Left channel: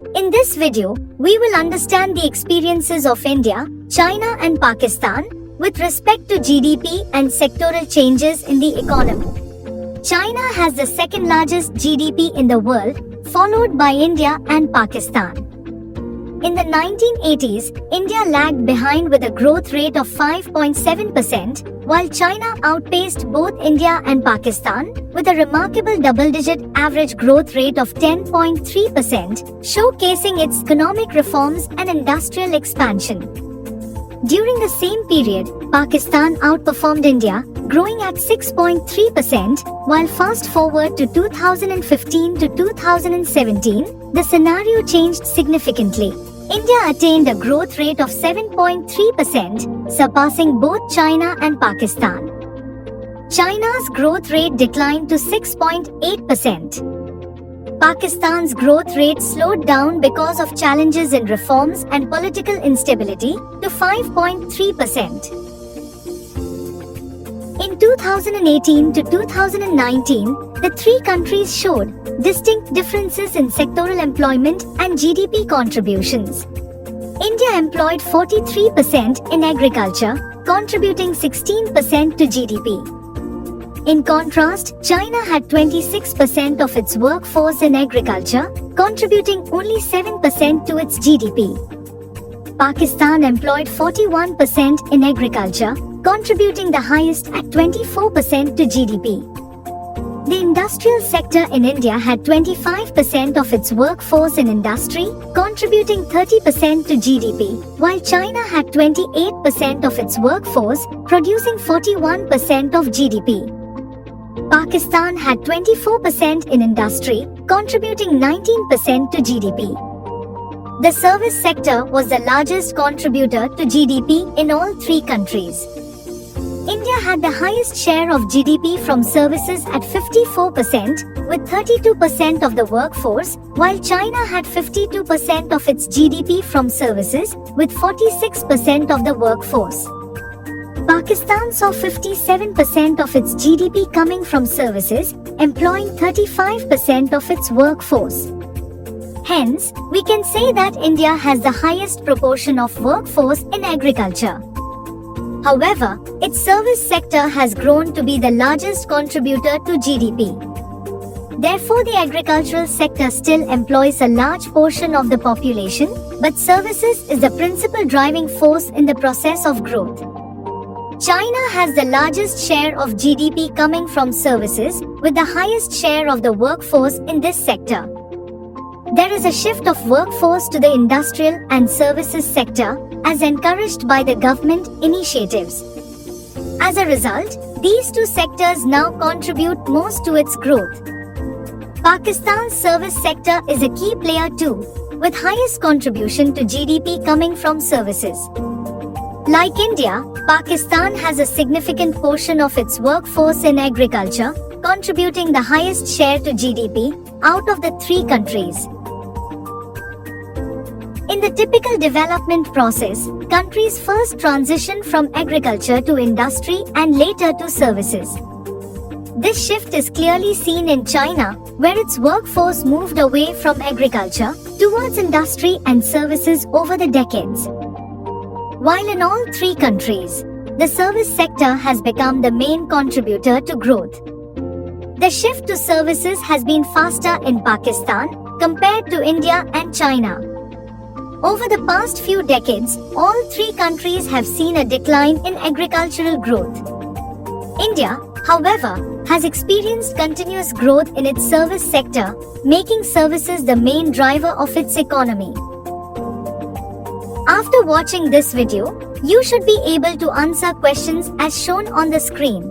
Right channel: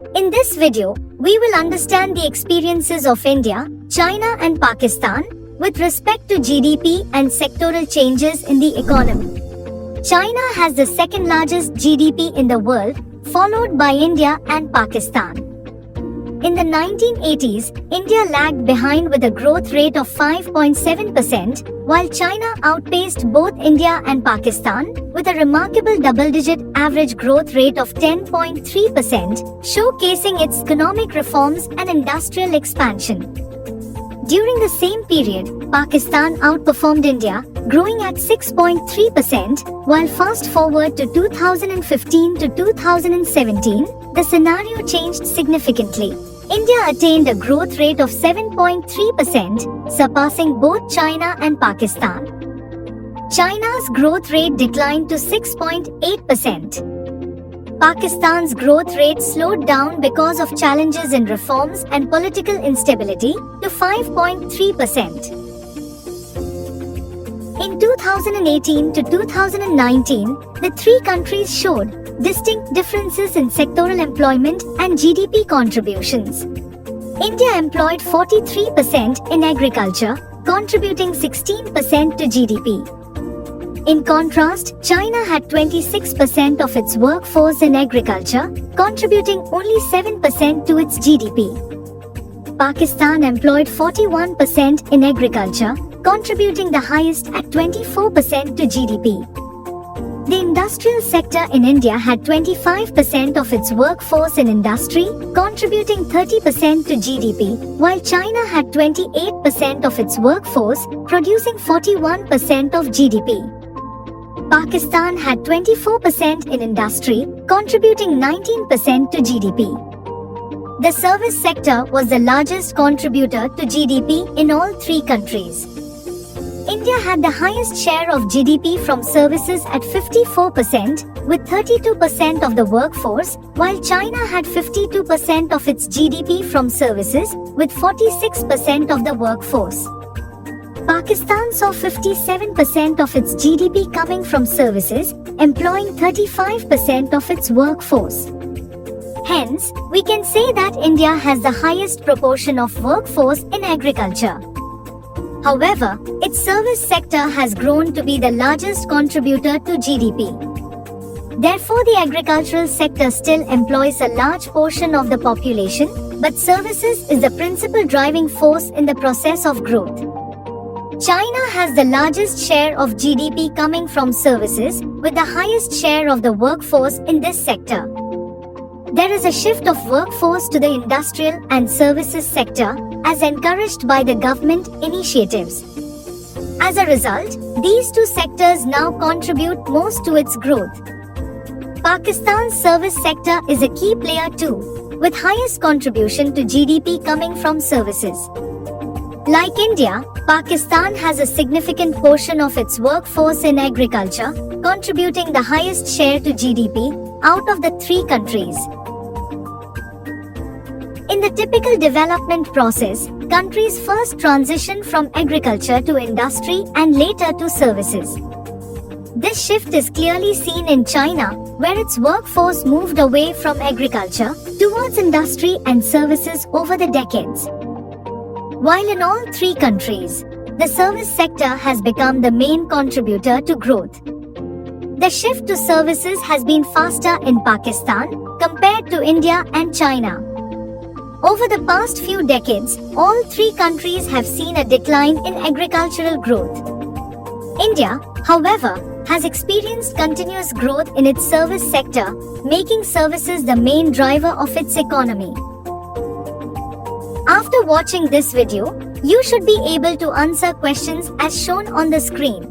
In this video, we will understand the experiences of India, China and Pakistan with respect to GDP and sectoral changes in the economy. China has the second largest GDP in the world, followed by India and Pakistan. In the 1980s, India lagged behind with a growth rate of 5.7%, while China outpaced both India and Pakistan with a remarkable double-digit average growth rate of 10.3%, showcasing its economic reforms and industrial expansion. During the same period, Pakistan outperformed India, growing at 6.3%, while fast forward to 2015 to 2017, the scenario changed significantly. India attained a growth rate of 7.3%, surpassing both China and Pakistan. China's growth rate declined to 6.8%. Pakistan's growth rate slowed down because of challenges in reforms and political instability to 5.3%. In 2018 to 2019, the three countries showed distinct differences in sectoral employment and GDP contributions. India employed 43% in agriculture, contributing 16% to GDP. In contrast, China had 26% of its workforce in agriculture, contributing only 7% to its GDP. Pakistan employed 41% in agriculture, contributing the highest at 24% to GDP. The industrial sector in India had 25% of its workforce in industry, contributing 30% to GDP, while China had 28% of its workforce, producing 41% of GDP. Pakistan had 24% in industry, contributing 19% to GDP. The service sector was the largest contributor to GDP in all three countries. India had the highest share of GDP from services at 54%, with 32% of the workforce, while China had 52% of its GDP from services, with 46% of the workforce. Pakistan saw 57% of its GDP coming from services, employing 35% of its workforce. Hence, we can say that India has the highest proportion of workforce in agriculture. However, its service sector has grown to be the largest contributor to GDP. Therefore, the agricultural sector still employs a large portion of the population, but services is the principal driving force in the process of growth. China has the largest share of GDP coming from services, with the highest share of the workforce in this sector. There is a shift of workforce to the industrial and services sector, as encouraged by the government initiatives. As a result, these two sectors now contribute most to its growth. Pakistan's service sector is a key player too, with highest contribution to GDP coming from services. Like India, Pakistan has a significant portion of its workforce in agriculture, contributing the highest share to GDP out of the three countries. In the typical development process, countries first transition from agriculture to industry and later to services. This shift is clearly seen in China, where its workforce moved away from agriculture towards industry and services over the decades. While in all three countries, the service sector has become the main contributor to growth. The shift to services has been faster in Pakistan compared to India and China. Over the past few decades, all three countries have seen a decline in agricultural growth. India, however, has experienced continuous growth in its service sector, making services the main driver of its economy. After watching this video, you should be able to answer questions as shown on the screen.